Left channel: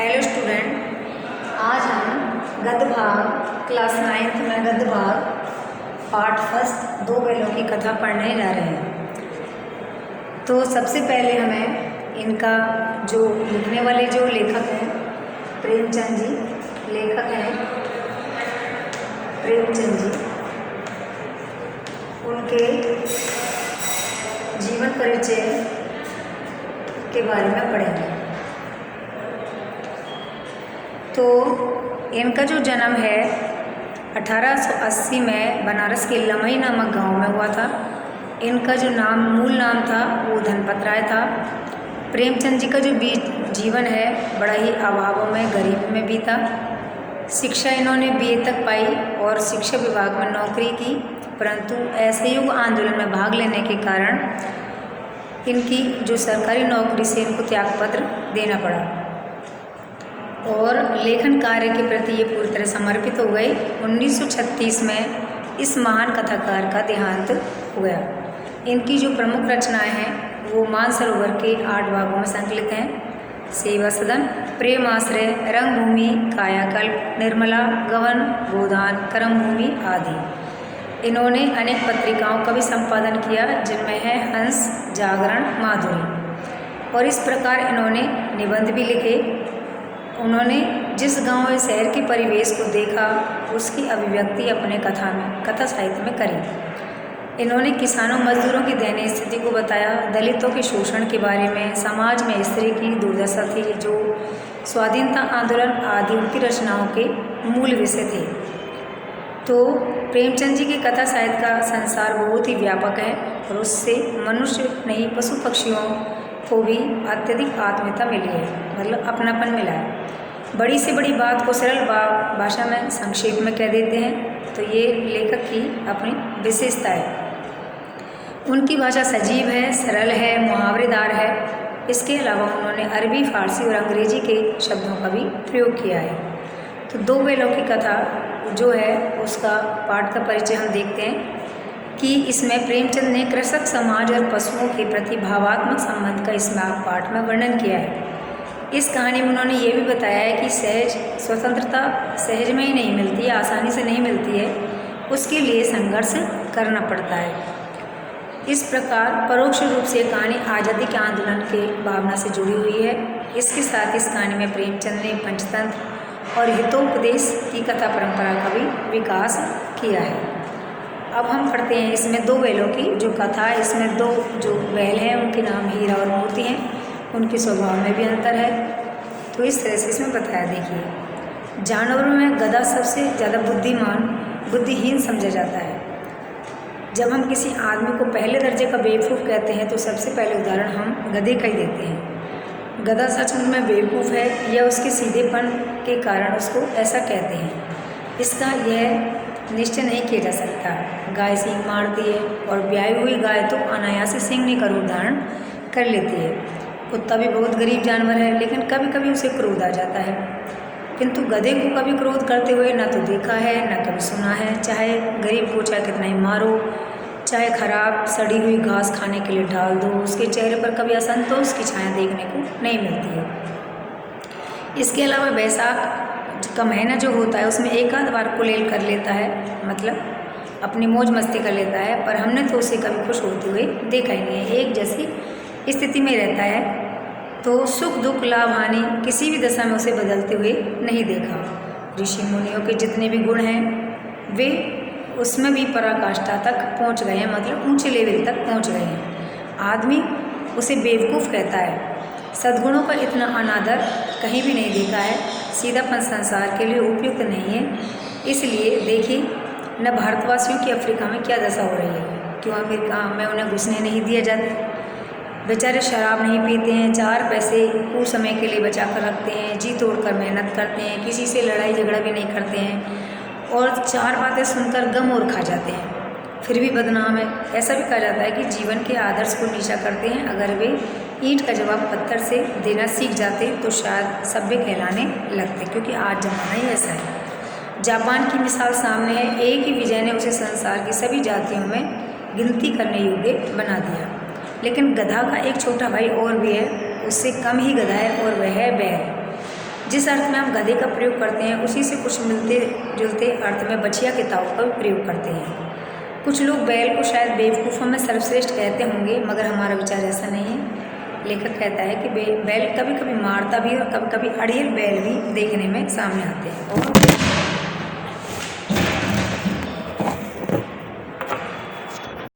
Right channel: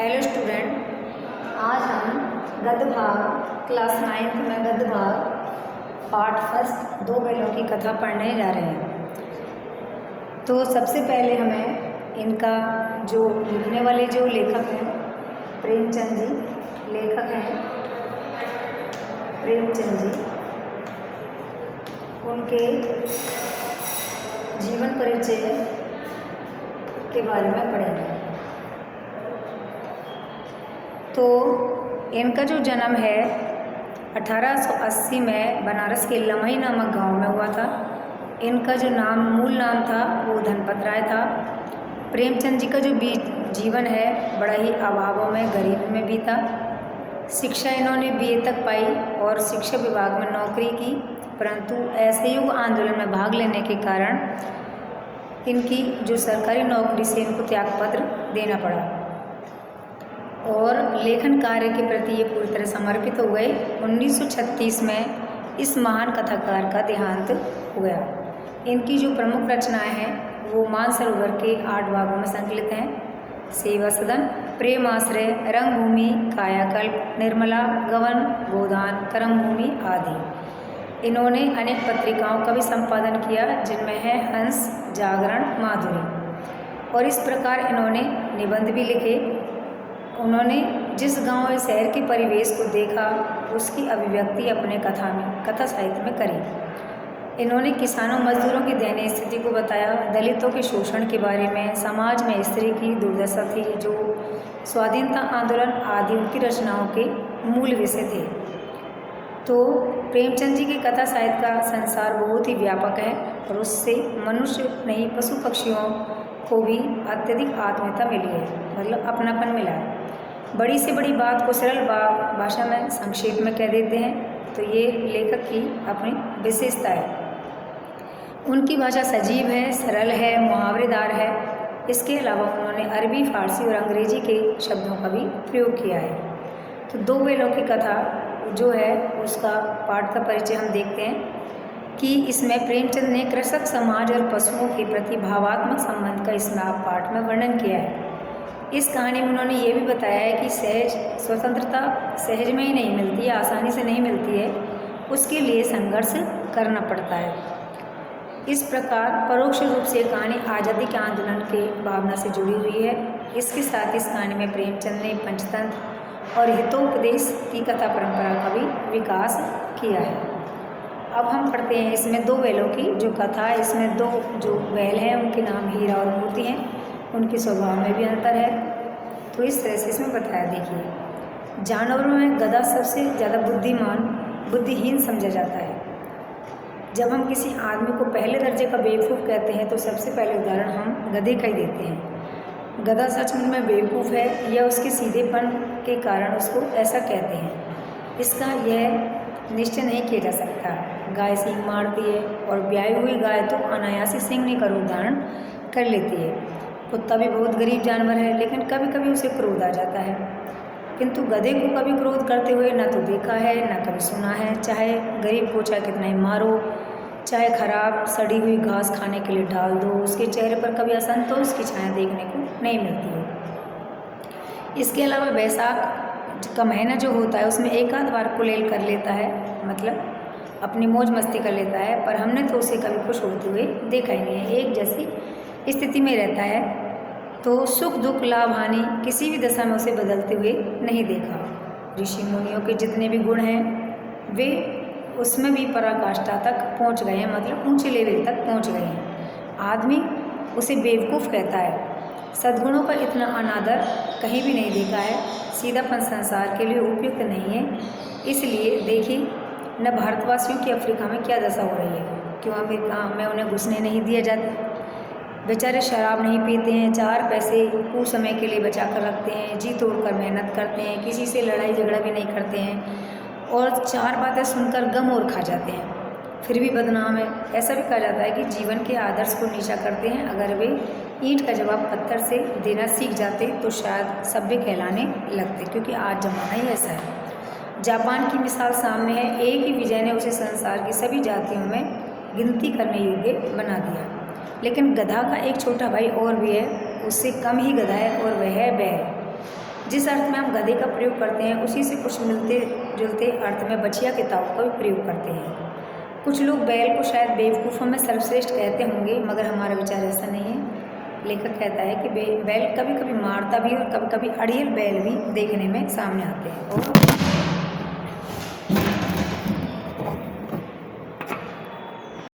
Hello student, आज हम गद्य भाग क्लास 9th में गद्य भाग पार्ट फर्स्ट दो बैलों की कथा पढ़ने जा रहे हैं। तो सबसे पहले हमें इनका जो लिखने वाले जो लेखक हैं प्रेमचंद जी, लेखक हैं प्रेमचंद जी, उनके जीवन परिचय के बारे में पढ़ेंगे। तो इनका जो जन्म है 1880 में बनारस के लमई नामक गांव में हुआ था। इनका जो मूल नाम था वो धनपत राय था। प्रेमचंद जी का जो जीवन है बड़ा ही अभावों में, गरीबी में बीता। शिक्षा इन्होंने बीए तक पाई और शिक्षा विभाग में नौकरी की, परंतु असहयोग आंदोलन में भाग लेने के कारण इनकी जो सरकारी नौकरी से इनको त्यागपत्र देना पड़ा और लेखन कार्य के प्रति ये पूरी तरह समर्पित हो गए। 1936 में इस महान कथाकार का देहांत हो गया। इनकी जो प्रमुख रचनाएं हैं वो मानसरोवर के 8 भागों में संकलित हैं। सेवा सदन, प्रेम आश्रय, रंगभूमि, कायाकल्प, निर्मला, गवन, गोदान, कर्मभूमि आदि। इन्होंने अनेक पत्रिकाओं का भी संपादन किया जिनमें है हंस, जागरण, माधुरी। और इस प्रकार इन्होंने निबंध भी लिखे। उन्होंने जिस गांव या शहर के परिवेश को देखा उसकी अभिव्यक्ति अपने कथा साहित्य में करी। इन्होंने किसानों मजदूरों की दयनीय स्थिति को बताया, दलितों के शोषण के बारे में, समाज में स्त्री की दुर्दशा थी, जो स्वाधीनता आंदोलन आदि उनकी रचनाओं के मूल विषय थे। तो प्रेमचंद जी की कथा साहित्य का संसार बहुत ही व्यापक है और उससे मनुष्य नहीं पशु पक्षियों को भी अत्यधिक आत्मीयता मिली है, मतलब अपनापन मिला है। बड़ी से बड़ी बात को सरल भाषा में संक्षेप में कह देते हैं, तो ये लेखक की अपनी विशेषता है। उनकी भाषा सजीव है, सरल है, मुहावरेदार है। इसके अलावा उन्होंने अरबी, फारसी और अंग्रेजी के शब्दों का भी प्रयोग किया है। तो दो बैलों की कथा जो है उसका पाठ का परिचय हम देखते हैं कि इसमें प्रेमचंद ने कृषक समाज और पशुओं के प्रति भावात्मक संबंध का इस पाठ में वर्णन किया है। इस कहानी में उन्होंने ये भी बताया है कि सहज स्वतंत्रता सहज में ही नहीं मिलती है, आसानी से नहीं मिलती है, उसके लिए संघर्ष करना पड़ता है। इस प्रकार परोक्ष रूप से कहानी आज़ादी के आंदोलन के भावना से जुड़ी हुई है। इसके साथ इस कहानी में प्रेमचंद ने पंचतंत्र और हितोपदेश की कथा परंपरा का भी विकास किया है। अब हम पढ़ते हैं इसमें दो बैलों की जो कथा है। इसमें दो जो बैल हैं उनके नाम हीरा और मोती हैं, उनके स्वभाव में भी अंतर है। तो इस तरह से इसमें बताया। देखिए, जानवरों में गधा सबसे ज़्यादा बुद्धिहीन समझा जाता है। जब हम किसी आदमी को पहले दर्जे का बेवकूफ़ कहते हैं तो सबसे पहले उदाहरण हम गधे का ही देते हैं। गधा सचमुच में बेवकूफ़ है या उसके सीधेपन के कारण उसको ऐसा कहते हैं, इसका यह निश्चय नहीं किया जा सकता। गाय सींग मारती है और ब्याई हुई गाय तो अनायास से सींगने का रूप धारण कर लेती है। कुत्ता भी बहुत गरीब जानवर है, लेकिन कभी कभी उसे क्रोध आ जाता है, किंतु गधे को कभी क्रोध करते हुए न तो देखा है न कभी सुना है। चाहे गरीब को चाहे कितना ही मारो, चाहे खराब सड़ी हुई घास खाने के लिए डाल दो, उसके चेहरे पर कभी असंतोष की छाया देखने को नहीं मिलती है। इसके अलावा बैसाख का महीना जो होता है उसमें एक आध बार कुलेल कर लेता है, मतलब अपनी मौज मस्ती कर लेता है, पर हमने तो उसे कभी खुश होते हुए देखा ही नहीं है। एक जैसी स्थिति में रहता है, तो सुख दुख लाभ हानि किसी भी दशा में उसे बदलते हुए नहीं देखा। ऋषि मुनियों के जितने भी गुण हैं वे उसमें भी पराकाष्ठा तक पहुंच गए हैं, मतलब ऊंचे लेवल तक पहुंच गए हैं। आदमी उसे बेवकूफ़ कहता है। सद्गुणों का इतना अनादर कहीं भी नहीं देखा है। सीधापन संसार के लिए उपयुक्त नहीं है। इसलिए देखिए न भारतवासियों की अफ्रीका में क्या दशा हो रही है। क्यों अमेरिका में उन्हें घुसने नहीं दिया जाता? बेचारे शराब नहीं पीते हैं, 4 पैसे कुछ समय के लिए बचा कर रखते हैं, जी तोड़कर मेहनत करते हैं, किसी से लड़ाई झगड़ा भी नहीं करते हैं और 4 बातें सुनकर गम और खा जाते हैं, फिर भी बदनाम है। ऐसा भी कहा जाता है कि जीवन के आदर्श को नीचा करते हैं। अगर वे ईंट का जवाब पत्थर से देना सीख जाते तो शायद सभ्य कहलाने लगते, क्योंकि आज जमाना ही ऐसा है। जापान की मिसाल सामने है। एक ही विजय ने उसे संसार की सभी जातियों में गिनती करने योग्य बना दिया। लेकिन गधा का एक छोटा भाई और भी है, उससे कम ही गधा है और वह है बैल। जिस अर्थ में हम गधे का प्रयोग करते हैं उसी से कुछ मिलते जुलते अर्थ में बछिया के ताऊ का भी प्रयोग करते हैं। कुछ लोग बैल को शायद बेवकूफ़ों में सर्वश्रेष्ठ कहते होंगे, मगर हमारा विचार ऐसा नहीं है। लेखक कहता है कि बैल कभी कभी मारता भी और कभी कभी अड़ियल बैल भी देखने में सामने आते हैं। और